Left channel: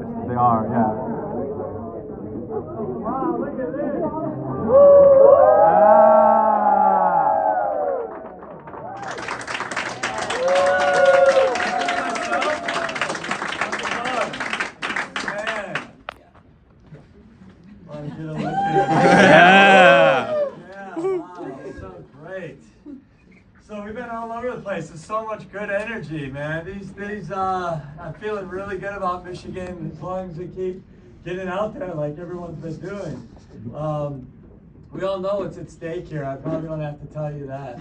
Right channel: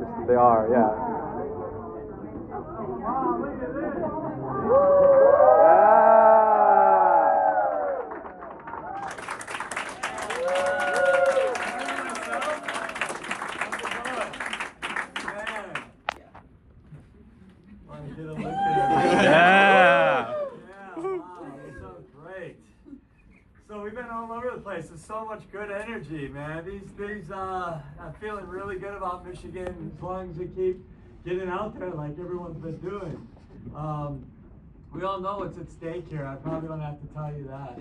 They are, yeah. Wow, look at this. Yeah. Great. So we've been all over the place. There's so much good energy, man. I'm feeling really good about Michigan as long as we keep getting out there like everyone's been doing. We all know what's at stake here. I probably don't have to tell you that.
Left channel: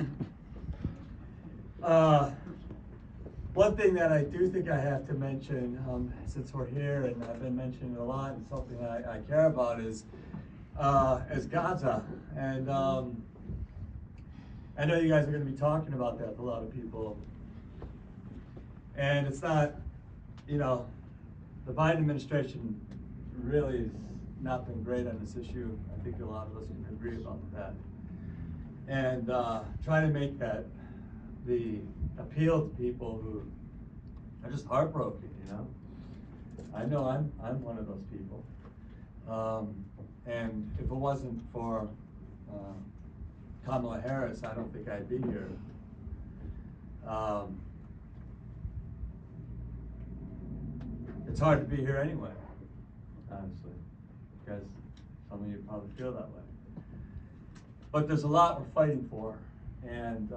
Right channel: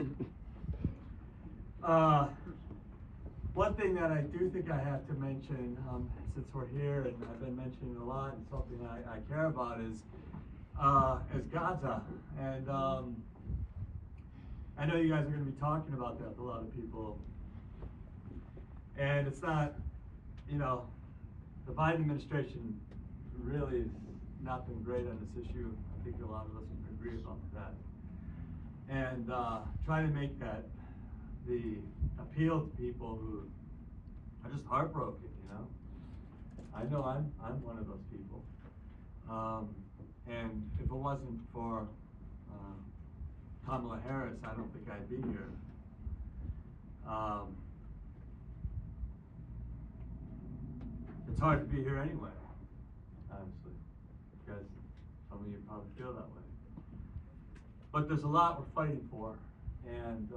One thing that I do think I have to mention, since we're here and I've been mentioning it a lot and something I care about is Gaza. And I know you guys are going to be talking about that with a lot of people. And it's not, the Biden administration really has not been great on this issue. I think a lot of us can agree about that. And try to make that the appeal to people who are just heartbroken, I know I'm one of those people. And if it wasn't for Kamala Harris, I don't think I'd be here. It's hard to be here anyway, honestly, because some of you probably feel that way. But there's a lot we're fighting for, and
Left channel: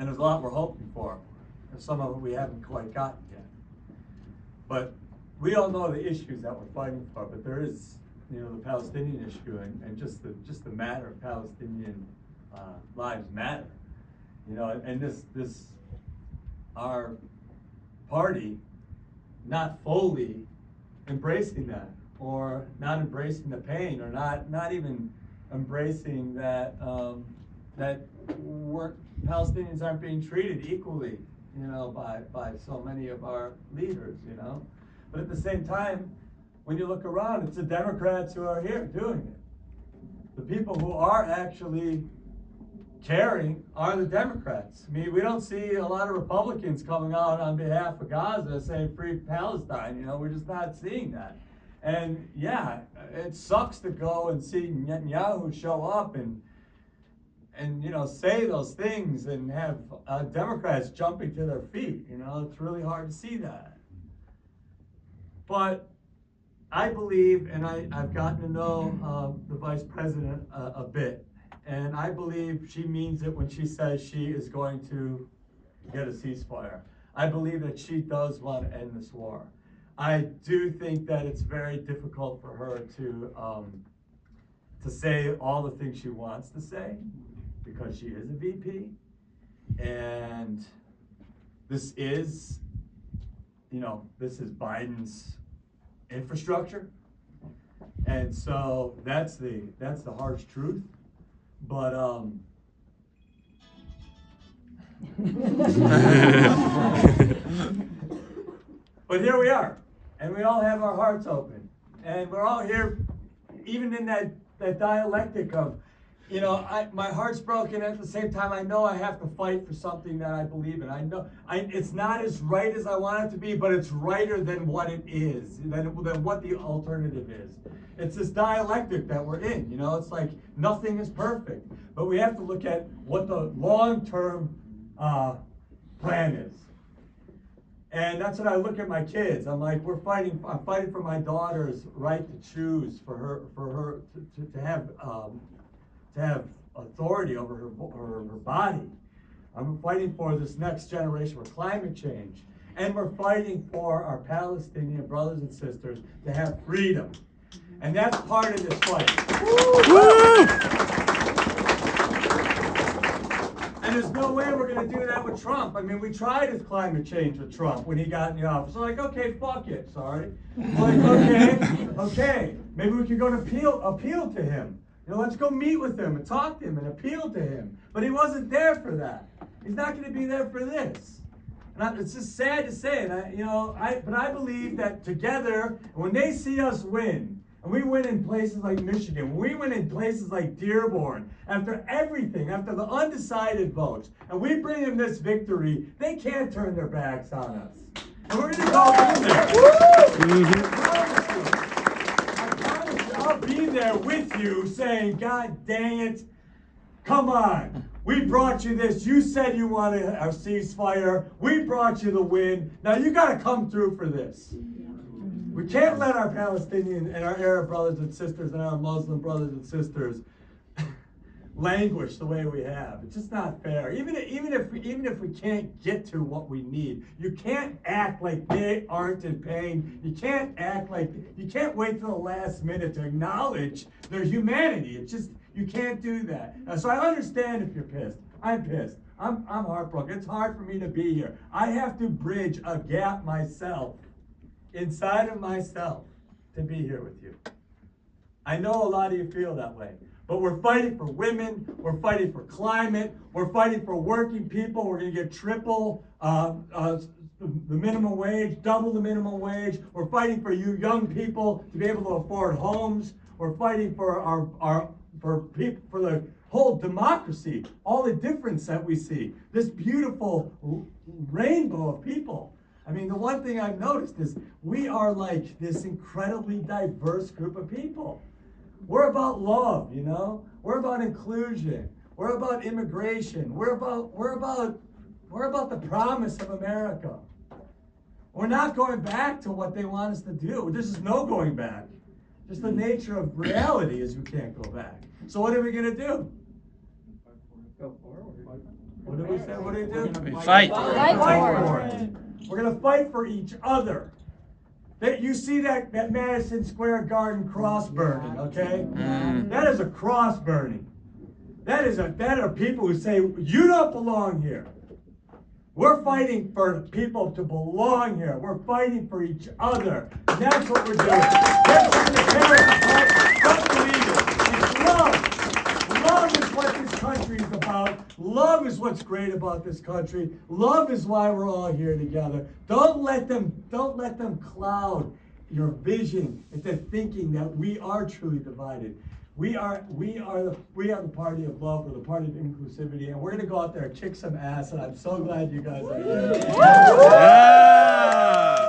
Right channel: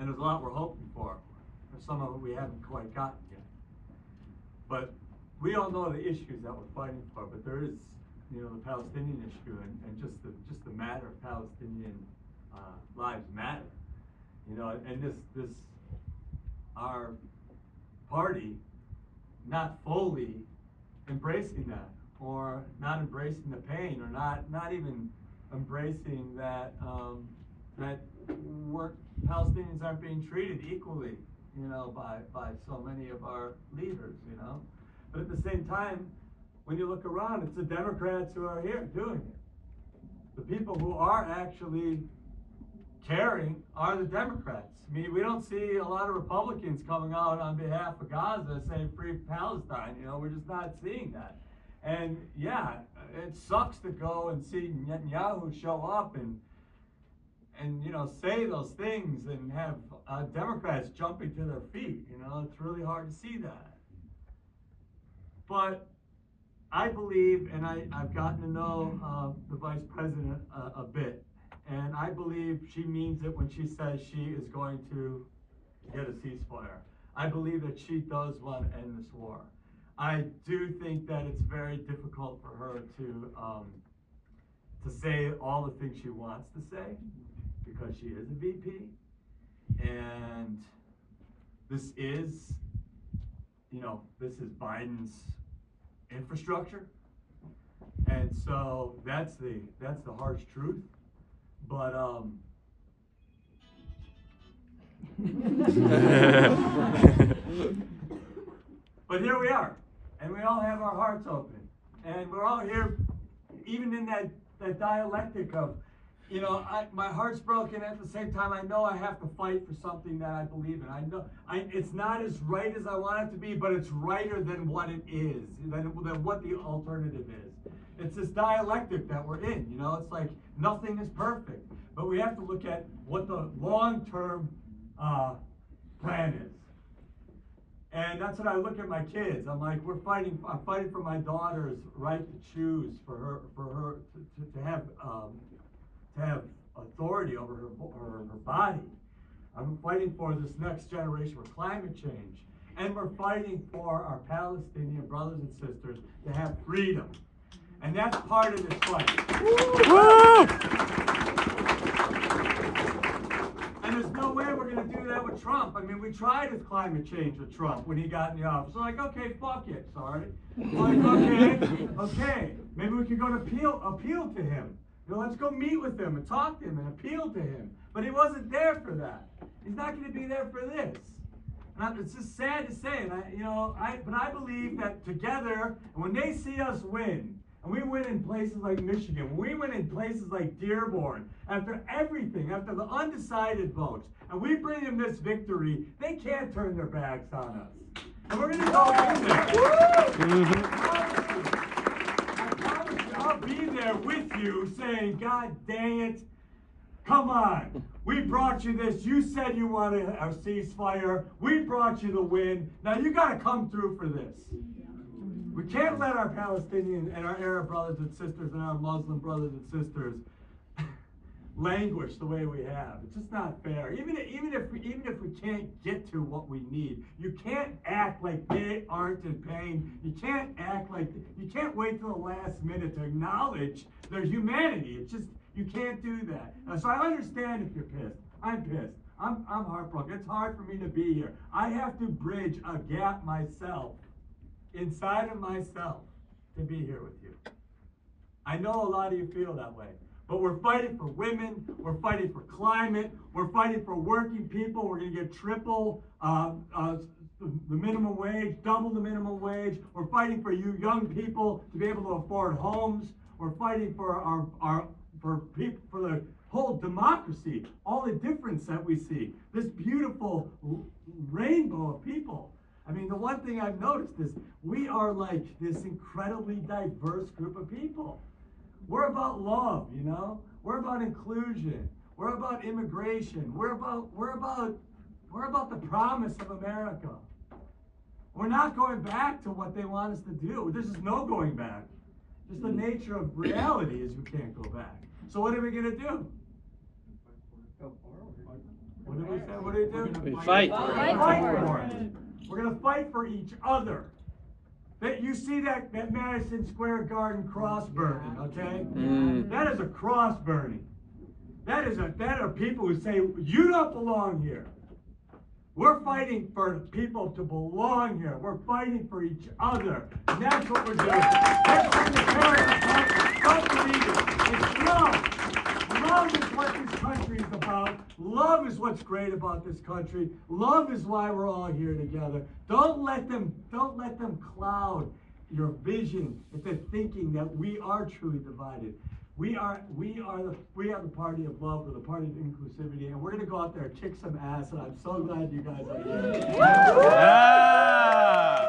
there's a lot we're hoping for. And some of it we haven't quite gotten yet. But we all know the issues that we're fighting for, but there is, the Palestinian issue and just the matter of Palestinian lives matter. And this our party not fully embracing that, or not embracing the pain, or not even embracing that Palestinians aren't being treated equally, by so many of our leaders, But at the same time, when you look around, it's the Democrats who are here doing it. The people who are actually caring are the Democrats. I mean, we don't see a lot of Republicans coming out on behalf of Gaza saying free Palestine, we're just not seeing that. And yeah, it sucks to go and see Netanyahu show up and say those things and have Democrats jumping to their feet. It's really hard to see that. But I believe, and I've gotten to know the vice president a bit, and I believe she means it when she says she is going to get a ceasefire. I believe that she does want to end this war. I do think that it's very difficult for her to say all the things she wants to say, because she is a VP, and this is Biden's infrastructure, and so that's the harsh truth. But but here we are, and we all have our hearts open, and we're all here, even in that dialectic of, my heart's broken. At the same time, I know I have to fight for something that I believe in. I know it's not as right as I want it to be, but it's righter than what it is, than what the alternative is. It's this dialectic that we're in. It's like nothing is perfect, but we have to look at what the long-term plan is. And that's when I look at my kids. I'm like, I'm fighting for my daughter's right to choose, for her to have authority over her body. I'm fighting for this next generation for climate change. And we're fighting for our Palestinian brothers and sisters to have freedom. And that's part of this fight. Woo! And there's no way we're going to do that with Trump. I mean, we tried his climate change with Trump when he got in the office. We're like, okay, fuck it, sorry. We're like, okay, maybe we could go to appeal to him. Let's go meet with him and talk to him and appeal to him. But he wasn't there for that. He's not going to be there for this. And it's just sad to say, but I believe that together, when they see us win, and we win in places like Michigan, when we win in places like Dearborn, after everything, after the undecided votes, and we bring them this victory, they can't turn their backs on us. And we're going to go in there. I promise you, I'll be there with you saying, God dang it, come on. We brought you this. You said you wanted a ceasefire. We brought you the win. Now you got to come through for this. We can't let our Palestinian and our Arab brothers and sisters and our Muslim brothers and sisters languish the way we have. It's just not fair. Even if we can't get to what we need, you can't act like they aren't in pain. You can't wait till the last minute to acknowledge their humanity. It's just, you can't do that. So I understand if you're pissed. I'm pissed. I'm heartbroken. It's hard for me to be here. I have to bridge a gap myself, inside of myself, to be here with you. I know a lot of you feel that way. But we're fighting for women, we're fighting for climate, we're fighting for working people. We're going to get triple the minimum wage, double the minimum wage. We're fighting for you young people to be able to afford homes. We're fighting for for the whole democracy, all the difference that we see. This beautiful rainbow of people. I mean, the one thing I've noticed is we are like this incredibly diverse group of people. We're about love, you know? We're about inclusion. We're about immigration. We're about the promise of America. We're not going back to what they want us to do. There's just no going back. Just the nature of reality is we can't go back. So what are we gonna do? What did we say? What do we do? We fight. Fight for it. We're gonna fight for each other. You see that Madison Square Garden cross burning, okay? That is a cross burning. That are people who say, you don't belong here. We're fighting for people to belong here. We're fighting for each other. And that's what we're doing. They're trying to tear us apart. Don't believe it. It's love. Love is what this country is about. Love is what's great about this country. Love is why we're all here together. Don't let them cloud your vision into thinking that we are truly divided. We are the party of love. We're the party of inclusivity, and we're gonna go out there and kick some ass. And I'm so glad you guys are here. Yeah.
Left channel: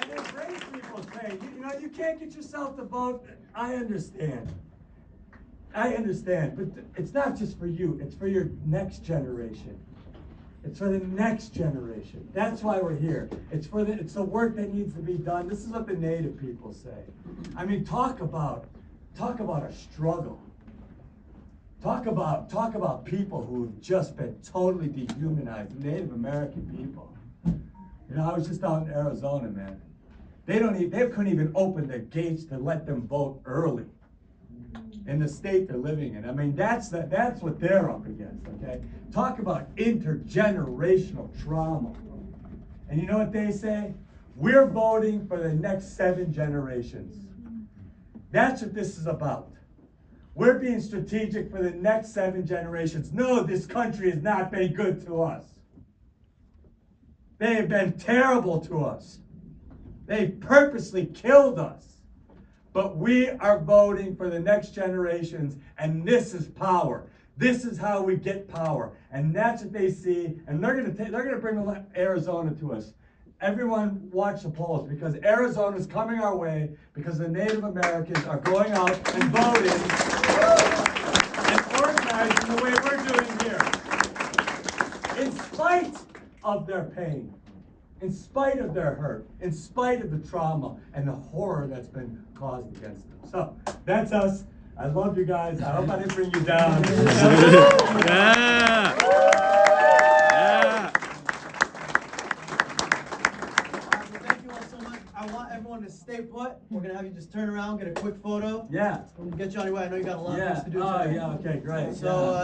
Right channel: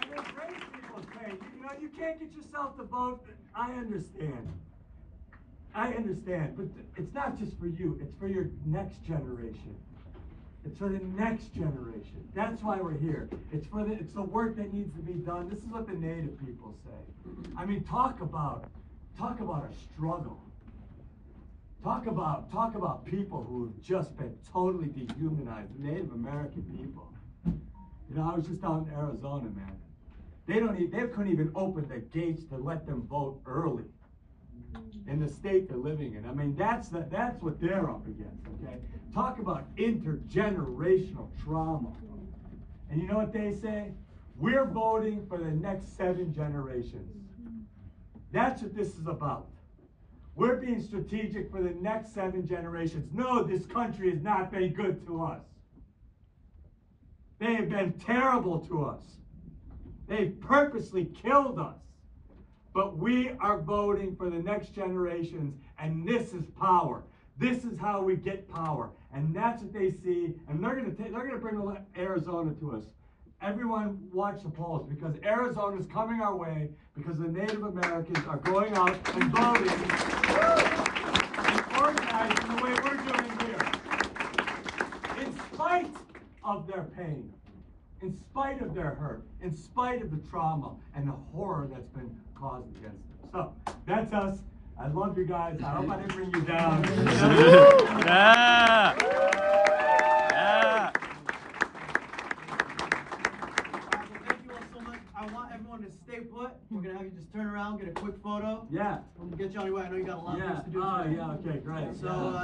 And as race people say, you know, you can't get yourself to vote. I understand, but it's not just for you. It's for your next generation. It's for the next generation. That's why we're here. It's the work that needs to be done. This is what the Native people say. I mean, talk about a struggle. Talk about people who have just been totally dehumanized. Native American people. You know, I was just out in Arizona, man. They couldn't even open the gates to let them vote early in the state they're living in. I mean, that's what they're up against, okay? Talk about intergenerational trauma. And you know what they say? We're voting for the next 7 generations. That's what this is about. We're being strategic for the next 7 generations. No, this country has not been good to us. They have been terrible to us. They've purposely killed us. But we are voting for the next generations, and this is power. This is how we get power, and that's what they see. And they're gonna bring Arizona to us. Everyone watch the polls, because Arizona is coming our way, because the Native Americans are going out and voting and organizing the way we're doing here, in spite of their pain, in spite of their hurt, in spite of the trauma and the horror that's been caused against them. So that's us. I love you guys. I hope I didn't bring you down. Yeah. Thank you all so much. I want everyone to stay put. We're gonna have you just turn around, get a quick photo. Yeah. We'll get you on your way. I know you got a lot of things to do Oh, today. yeah. Okay, great. So.